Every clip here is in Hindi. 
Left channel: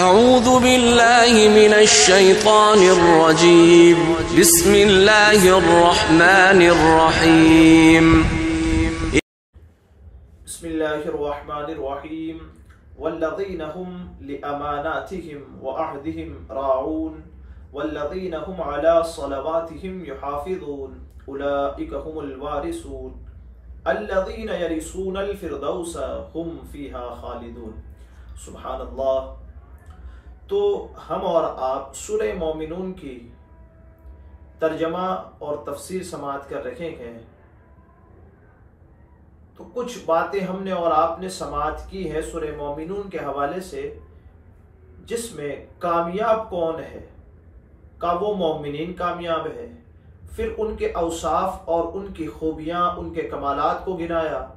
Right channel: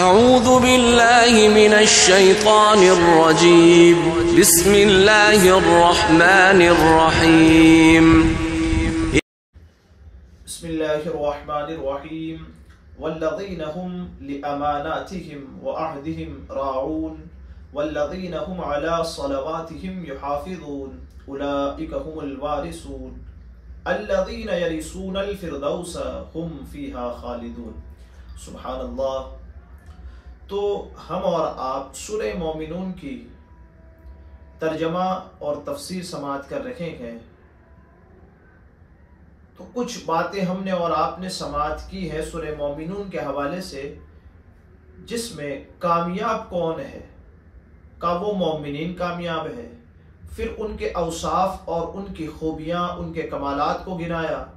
अऊज़ु बिल्लाहि मिनश शैतानिर रजीम। बिस्मिल्लाहिर रहमानिर रहीम। बिस्मिल्लाहिर रहमानिर रहीम। वल्लज़ीना हुम लिअमानातिहिम व अहदिहिम राऊन वल्लज़ीना हुम अला सलवातिहिम युहाफ़िज़ून उलाइका हुमुल वारिसून अल्लज़ीना यरिसूनल फ़िरदौस हुम फ़ीहा ख़ालिदून। सुब्हानल्लाह। तो हम और आप सूरह मोमिनून की तर्जमा और तफसीर समाअत कर रहे हैं। तो कुछ बातें हमने और आपने समाअत की है सूरह मोमिनून के हवाले से, जिसमें कामयाब कौन है का वो मोमिनीन कामयाब है, फिर उनके औसाफ और उनकी खूबियां, उनके कमालात को गिनाया,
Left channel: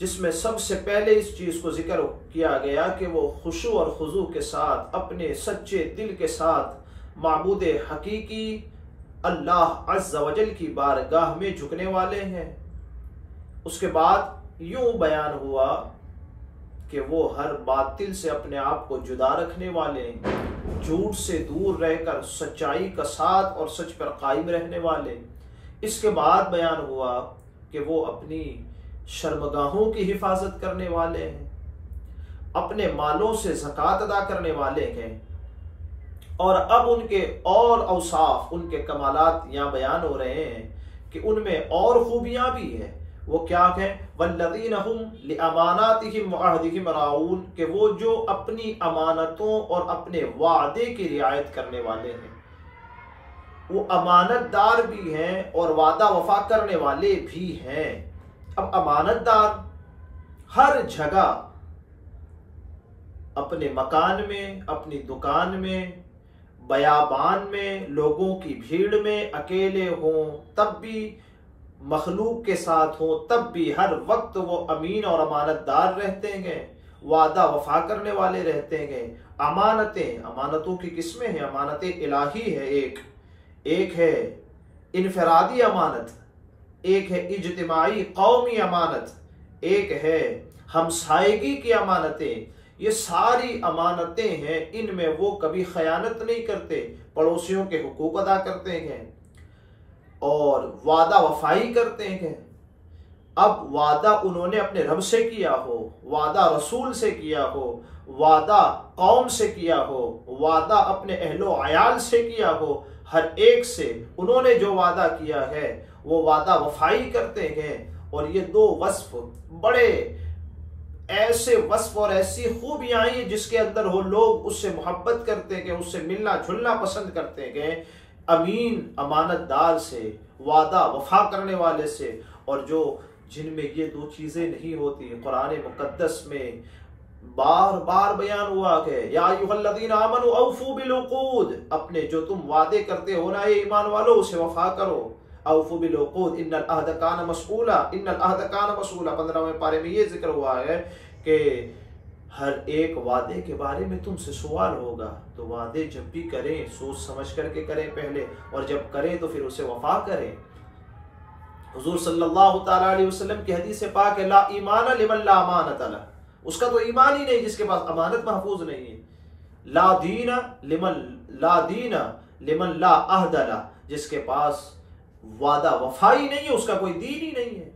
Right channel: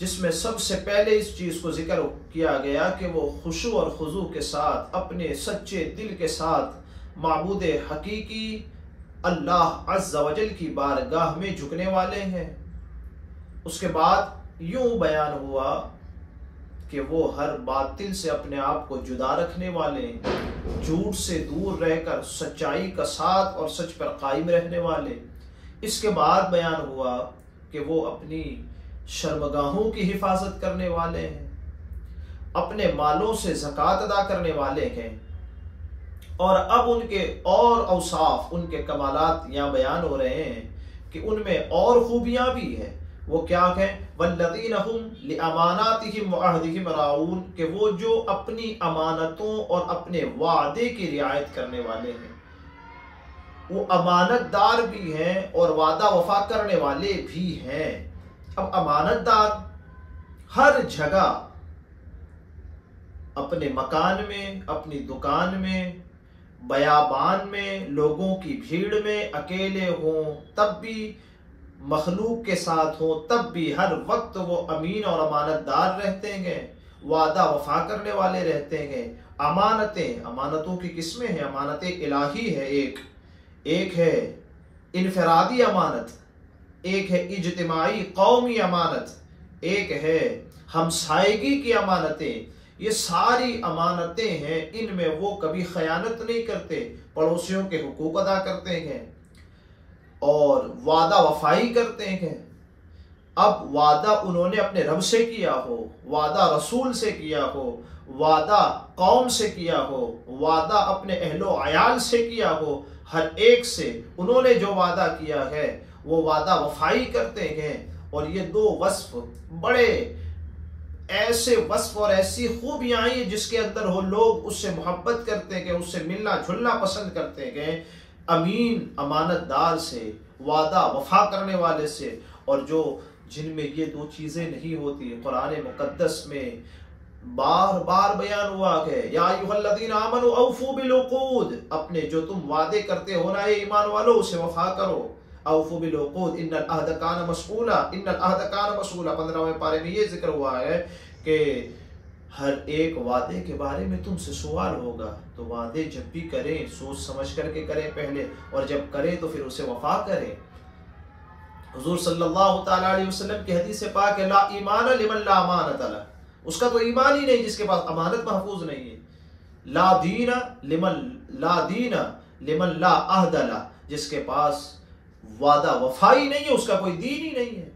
जिसमें सबसे पहले इस चीज को जिक्र किया गया कि वो खुशू और खुजू के साथ अपने सच्चे दिल के साथ माबूद हकीकी अल्लाह अज़्ज़ा वजल की बारगाह में झुकने वाले हैं। उसके बाद यूं बयान हुआ कि वो हर बातिल से अपने आप को जुदा रखने वाले, झूठ से दूर रहकर सच्चाई का साथ और सच पर कायम रहने वाले। इसके बाद बयान हुआ कि वो अपनी शर्मगाहों की हिफाजत करने वाले हैं, अपने मालों से ज़कात अदा करने वाले हैं। और अब उनके और औसाफ, उनके कमालात यहाँ बयान हो रहे हैं कि उनमें और खूबियां भी हैं। वो क्या है? वल्लज़ीना हुम लिअमानातिहिम व अहदिहिम राऊन, कि वो जो अपनी अमानतों और अपने वादे की रियायत करने वाले हैं, वो अमानतदार भी हैं और वादा वफा करने वाले भी हैं। अब अमानतदार हर जगह, अपने मकान में, अपनी दुकान में, बयाबान में, लोगों की भीड़ में, अकेले हों तब भी, मखलूक के साथ हों तब भी, हर वक्त वो अमीन और अमानतदार रहते हैं, वादा वफा करने वाले रहते हैं। अमानतें, अमानतों की किस्में हैं। अमानतें इलाही है, एक है इनफरादी अमानत, एक है इज्तिमाई कौमी अमानत, एक है हमसायगी की अमानतें। ये सारी अमानतें हैं, इनमें वो कभी खयानत नहीं करते, पड़ोसियों के हुकूक अदा करते हैं और वादा वफाई करते हैं। अब वादा उन्होंने अपने रब से किया हो, वादा रसूल से किया हो, वादा कौम से किया हो, वादा अपने अहलो अयाल से किया हो, हर एक से उन्होंने जो वादा किया है वो वादा वफाई करते हैं। और ये दो वस्फ बड़े ऐसे वस्फ और ऐसी खूबियां हैं जिसके अंदर हो लोग उससे मोहब्बत करते हैं, उससे मिलना जुलना पसंद करते हैं। अमीन अमानतदार से, वादा वफा करने वाले से। और जो जिनमें ये दो चीजें नहीं होती, कुरान मुकद्दस में बार बार बयान हुआ है, या अय्युहल्लज़ीना आमनू औफू बिल-उक़ूद, अपने जो तुम वादे करते हो ना ईमान वालों, उसे वफा करो। औफू बिल-उक़ूद इन्नल अहद कान मसऊला, इन्नल अहद कान मसऊला। 15वें पारे में ये जिक्र हुआ है कि हर एक वादे के बारे में तुमसे सवाल होगा, तो वादे जब भी करें सोच समझ करके करें पहले, और जब करें तो फिर उसे वफा करें। हुजूर सल्लल्लाहु तआला अलैहि वसल्लम की हदीस से पाक है, ला ईमान लिमन ला अमानत ला, उसका तो ईमान ही नहीं जिसके पास अमानत महफूज नहीं है। ला दीना लिमन ला अहद ला, जिसके पास वादा वफाई नहीं है उसका कोई दीन ही नहीं है।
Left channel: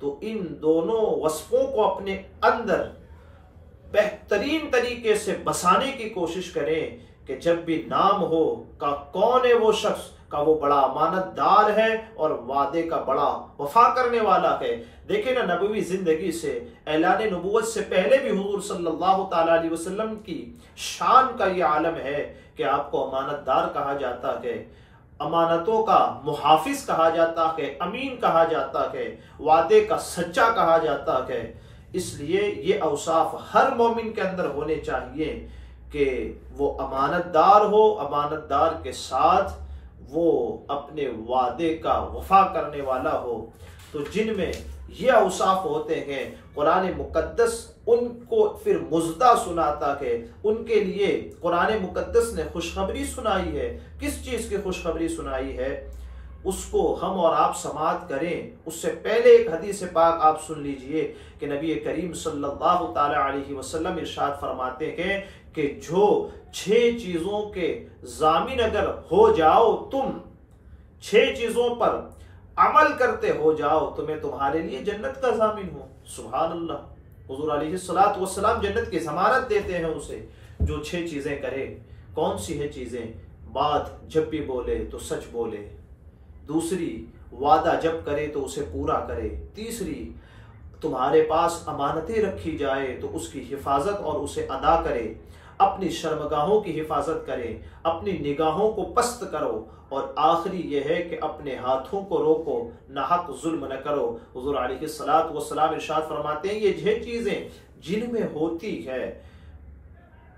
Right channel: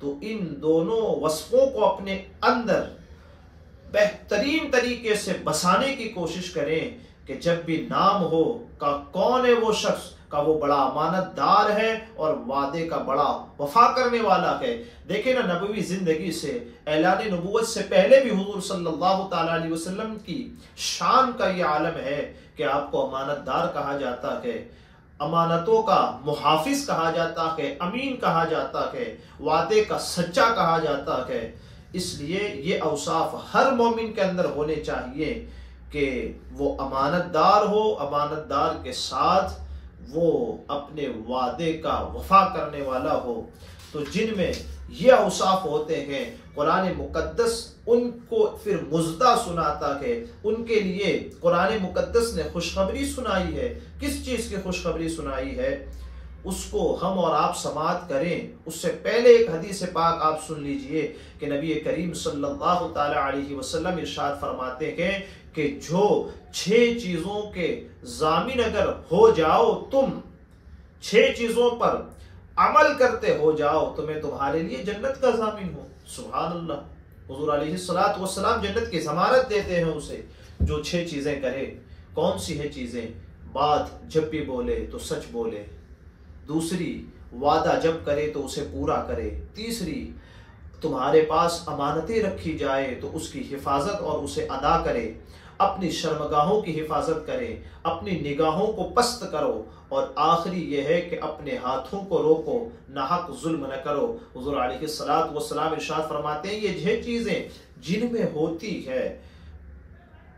तो इन दोनों वस्फों को अपने अंदर बेहतरीन तरीके से बसाने की कोशिश करें कि जब भी नाम हो का कौन है वो शख्स, का वो बड़ा अमानतदार है और वादे का बड़ा वफा करने वाला है। देखें ना, नबवी जिंदगी से, ऐलान नबूवत से पहले भी हुजूर सल्लल्लाहु तआला अलैहि वसल्लम की शान का ये आलम है कि आपको अमानतदार कहा जाता है, अमानतों का मुहाफिज कहा जाता है, अमीन कहा जाता है, वादे का सच्चा कहा जाता है। इसलिए ये औसाफ हर मोमिन के अंदर होने चाहिए कि वो अमानतदार हो, अमानतदार के साथ वो अपने वादे का वफा करने वाला हो। तो जिनमें ये औसाफ होते हैं, कुरान मुकद्दस उनको फिर मुज़दा सुनाता है। उनके लिए कुरान मुकद्दस ने खुशखबरी सुनाई है। किस चीज़ की खुशखबरी सुनाई है? उसको हम और आप समाअत करें, उससे पहले एक हदीस पाक आप सुन लीजिए कि नबी करीम सल्लल्लाहु ताला अलैहि वसल्लम इरशाद फरमाते हैं कि जो 6 चीजों के जामिन अगर हो जाओ, तुम 6 चीजों पर अमल करते हो जाओ तो मैं तुम्हारे लिए जन्नत का जामिन हूं। सुभान अल्लाह। हुजूर अलैहिस्सलातु वस्सलाम जन्नत की जमानत देते हैं उसे जो 6 चीजें करे। कौन सी है चीजें? बात जब भी बोले तो सच बोले, दूसरी वादा जब करे तो उसे पूरा करे, तीसरी तुम्हारे पास अमानतें रखी जाए तो उसकी हिफाजत और उसे अदा करे, अपनी शर्मगाहों की हिफाजत करे, अपनी निगाहों को पस्त करो, और आखिरी यह है कि अपने हाथों को रोको, नाहक जुल्म न करो। हुजूर अलैहिस्सलातु वस्सलाम इरशाद फरमाते हैं ये 6 चीजें जिनमें होती है,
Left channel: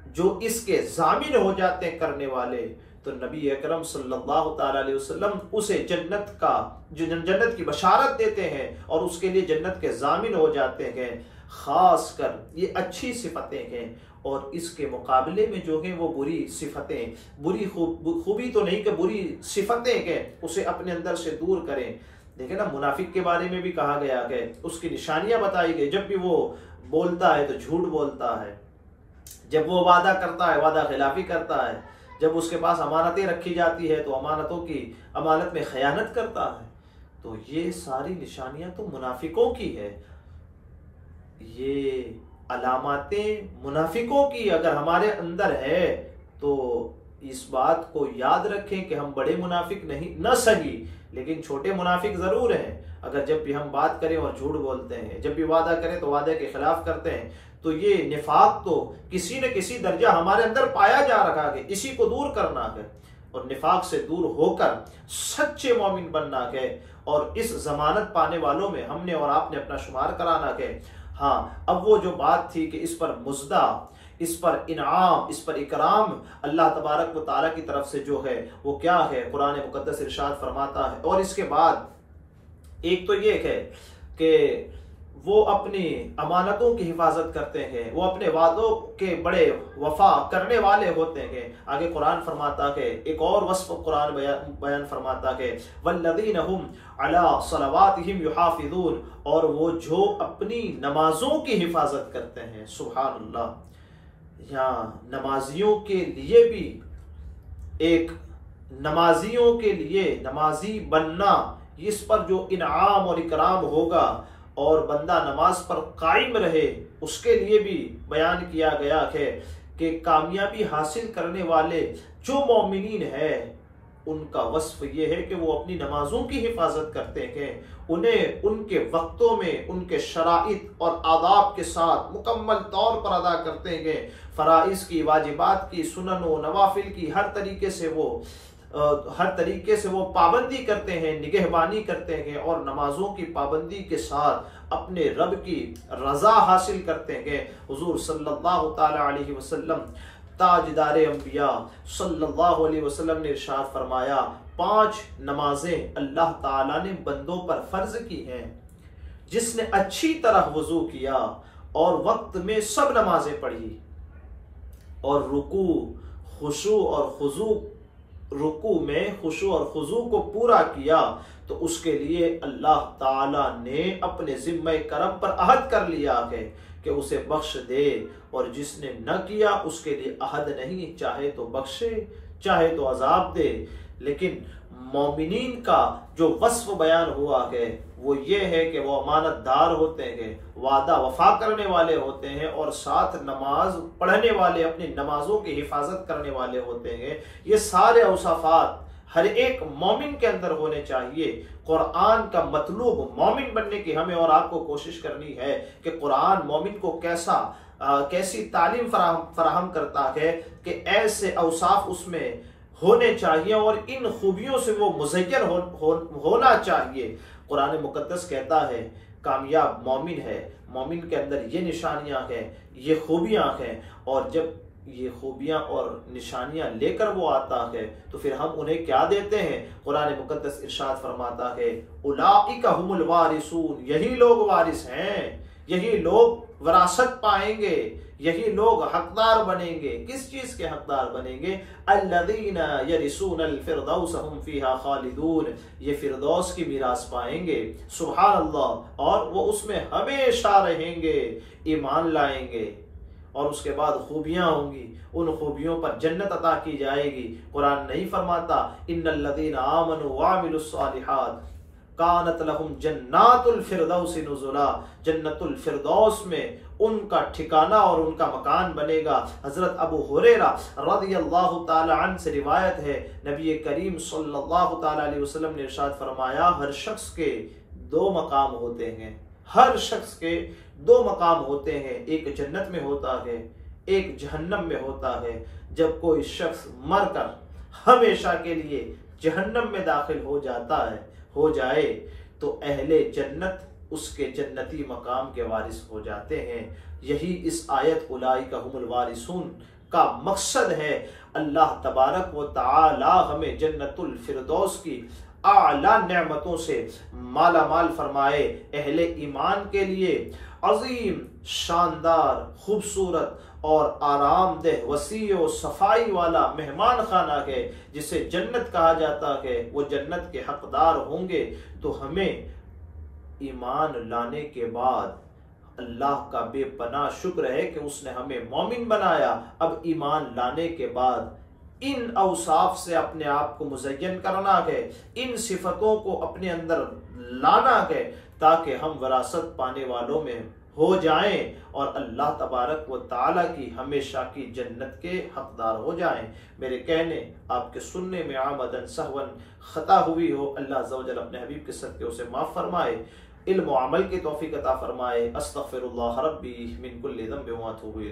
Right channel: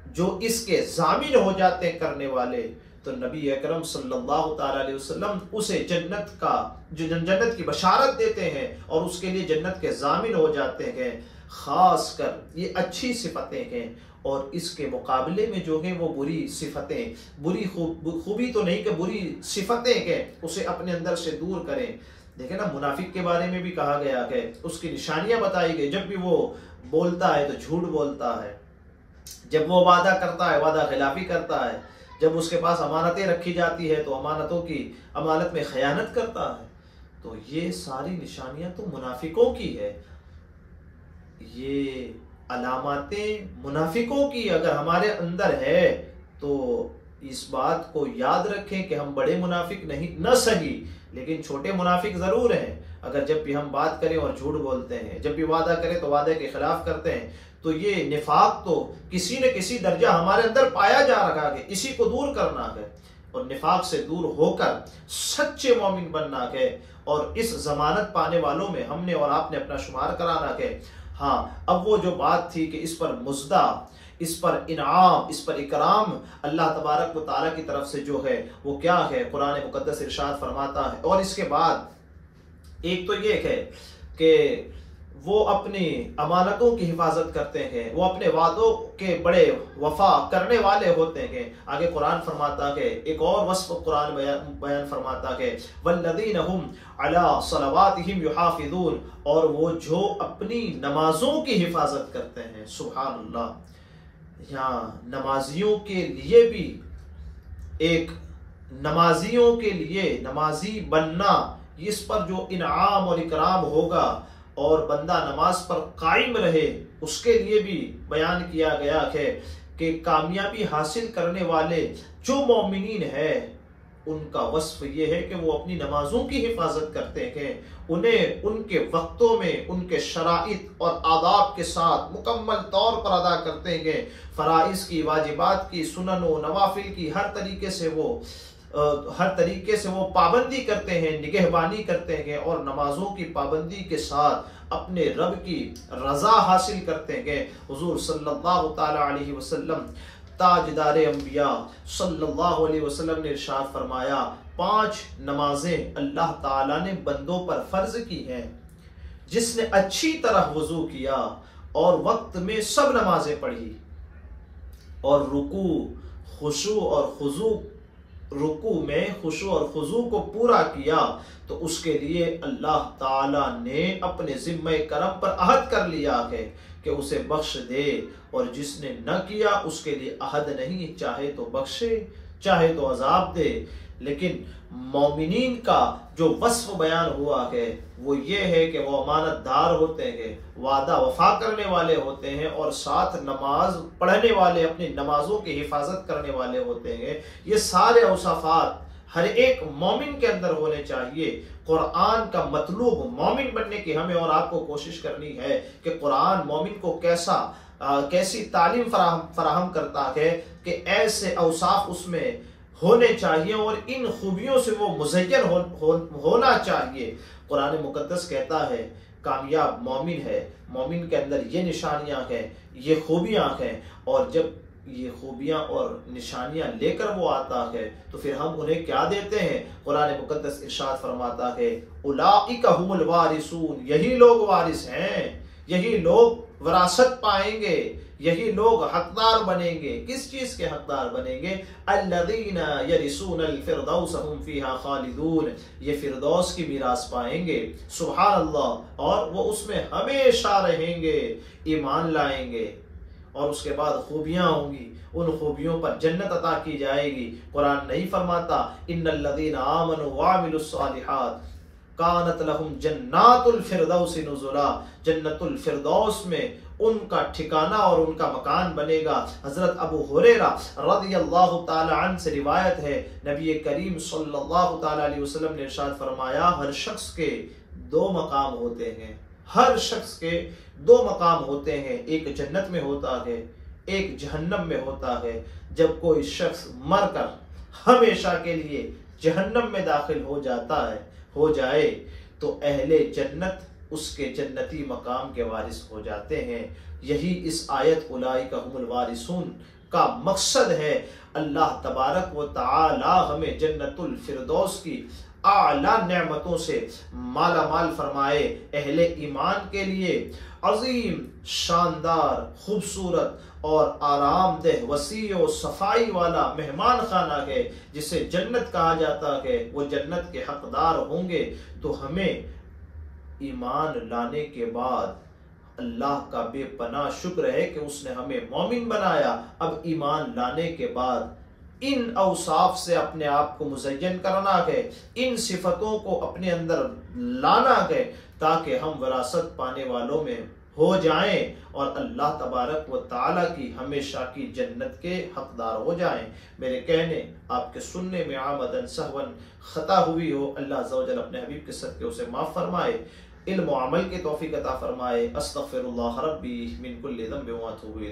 जो इसके जामिन हो जाते हैं करने वाले, तो नबी अकरम सल्लल्लाहु ताला अलैहि वसल्लम उसे जन्नत की बशारत देते हैं और उसके लिए जन्नत के जामिन हो जाते हैं। खास कर ये अच्छी सिफतें हैं, और इसके मुकाबले में जो है वो बुरी सिफतें, बुरी खूबी तो नहीं कि बुरी सिफतें हैं, उसे अपने अंदर से दूर करें। देखें ना, मुनाफिक के बारे में भी कहा गया है, उसकी निशानियां बताई गई। जब भी वो बोलता है तो झूठ बोलता है, जब वो वादा करता है वादा खिलाफी करता है, जब उसके पास अमानतें रखी जाती है तो अमानत में खयानत करता है। तो ये सारी निशानियां तो मुनाफिकों की है। ये अलामातें मुनाफिकों की अगर हमारे अंदर है तो इस बात को याद रखें कि हम बड़े मुनाफिक नहीं, न सही लेकिन छोटे मुनाफिक जरूर हैं। अगर जब भी हम बात करें और झूठ बोलते हैं, जब भी वादा करें तो वादे के खिलाफ करते हैं, तो ये निफाक तो किसी न किसी दर्जा हमारे अंदर पाया जा रहा है। इसी को दूर करना है और निफाक से दूर होकर सच्चे मोमिन बनना है, और इस जमानत पाने वालों में हमने और आपने अपना शुमार कराना है। हाँ, अब वो जो बात थी कि इस पर मुज़दा, इस पर इनाम, इस पर इकराम अल्लाह तबारक व तआला की तरफ से जो है वो क्या है, कुरान मुकद्दस इरशाद फरमाता है। और इसके बाद एक तो ये है कि वो अपनी अमानतों की हिफाजत करते हैं, वो अपने वादों के बड़े वफा करने वाले होते हैं। आगे कुरान फरमाता है, एक और वस्फ कुरान बयान फरमाता है, वल्लज़ीना हुम अला सलवातिहिम युहाफिज़ून, और वो जो अपनी नमाजों की हिफाजत करते हैं। सुभान अल्लाह। यहाँ नमाजियों के लिए भी एक नमाजियों के लिए नमाजी बनना, इस पर जो इनाम और इकराम होगा और बंदा नमाज पर कायम रहे, उसके लिए भी बयान किया गया है कि कामयाबी हासिल करने वाले जो मोमिनीन है उनका वस्फ ये है कि वो अपनी नमाजों की हिफाजत करते हैं, उन्हें उनके वक्तों में उनके शराइत और आदाब के साथ मुकम्मल तौर पर अदा करते हैं। फराइज की, वाजिबात की, सुनन व नवाफिल की हर तरीके से वो पाबंदी करते हैं, निगहबानी करते हैं, और नमाजों की पाबंदी के साथ अपने रब की रजा हासिल करते हैं। हुजूर सल्लल्लाहु ताला अलैहि वसल्लम, ताजदारे अंबिया सल्लल्लाहु अलैहि वसल्लम ने इरशाद फरमाया, 5 नमाजें अल्लाह ताला ने बंदों पर फर्ज की हैं। जिसने अच्छी तरह वजू किया और वक्त में सब नमाजें पढ़ी और रुकू में खुशू और खुजू को पूरा किया, तो उसके लिए अल्लाह ताला ने अपने जिम्मे करम पर अहद कर लिया है कि उसे बख्श दे, और जिसने न किया उसके लिए अहद नहीं, चाहे तो बख्शे चाहे तो अजाब दे। लेकिन मोमिनीन का जो वस्फ बयान हुआ है वो ये है कि वो अमानतदार होते हैं, वादा वफा करने वाले होते हैं, और साथ नमाज पढ़ने वाले, अपनी नमाजों की हिफाजत करने वाले होते हैं। ये सारे औसाफात हर एक मोमिन के अंदर होने चाहिए। कुरान का मतलूब मोमिन बनने की हमें और आपको कोशिश करनी है कि कुरान मोमिन को कैसी तालीम फराहम करता है कि ऐसे औसाफ उसमें होने चाहिए और इन खूबियों से वो मुज़य्यन होना चाहिए। कुरान मुकद्दस कहता है कामयाब मोमिन है, मोमिन के अंदर ये निशानियां हैं, ये खूबियां हैं, और जब ये खूबियां और निशानियां लेकर वो आता है तो फिर हम उन्हें क्या देते हैं। कुरान मुकद्दस इरशाद फरमाता है, उलाइका हुमुल वारिसून, यही लोग वारिस हैं, यही लोग विरासत पाएंगे, यही लोग हकदार बनेंगे। किस चीज के हकदार बनेंगे? अल्लज़ीना यरिसूनल फिरदौस हुम फीहा खालिदून, ये फिरदौस की मीरास पाएंगे, सुभान अल्लाह, और वो उसमें हमेशा रहेंगे, ईमान लाएंगे और उसके बाद खूबियां होंगी, उन खूबियों पर जन्नत अता की जाएगी। कुरान नहीं फरमाता इन्नल्लज़ीना आमनु वअमिलुस सालिहात कानत लहुम जन्नातुल फिरदौस नुज़ुला, जन्नतुल फिरदौस में उनका ठिकाना और उनका मकान बनेगा। हजरत अबू हुरैरा रज़ियल्लाहु ताला अन्हु से रिवायत है, नबी करीम सल्लल्लाहु ताला अलैहि वसल्लम ने इरशाद फरमाया, हर शख्स के दो मकाम होते हैं, हर शख्स के दो मकाम होते हैं, एक जन्नत में होता है, एक जहन्नम में होता है। जब कोई शख्स मरकर हमेशा के लिए जहन्नम में दाखिल हो जाए तो अहले जन्नत उसके जन्नती मकाम के वारिस हो जाते हैं। यही इस आयत उलाइका हुमुल वारिसून का मकसद है। अल्लाह तबारक व तआला हमें जन्नतुल फिरदौस की आला नेमतों से माला माल फरमाए। अहले ईमान के लिए अजीम, शानदार, खूबसूरत और आरामदेह, वसी और सफाई वाला मेहमान खाना है जिसे जन्नत कहा जाता है, वो जन्नत के हकदार होंगे। तो हमें ईमान लाने के बाद अल्लाह का बेपनाह शुक्र है कि उसने हमें मोमिन बनाया। अब ईमान लाने के बाद इन औसाफ से अपने आप को मुज़य्यन करना है, इन सिफतों को अपने अंदर लाना है ताकि हम विरासत पाने वालों में हो जाएं और अल्लाह तबारक व ताला की हमेशा की जन्नत के हकदार हो जाएं। मेरे कहने आपके सुनने में आमदन सहवन खता हुई हो, अल्लाह अज़्ज़ व जल अपने हबीब के सदक़े उसे माफ़ फरमाए, इल्म व अमल की तौफीक अता फरमाए। अस्तग़फिरुल्लाह रब्बी मिन कुल्लि ज़ंबिन व अतूबु इलैह।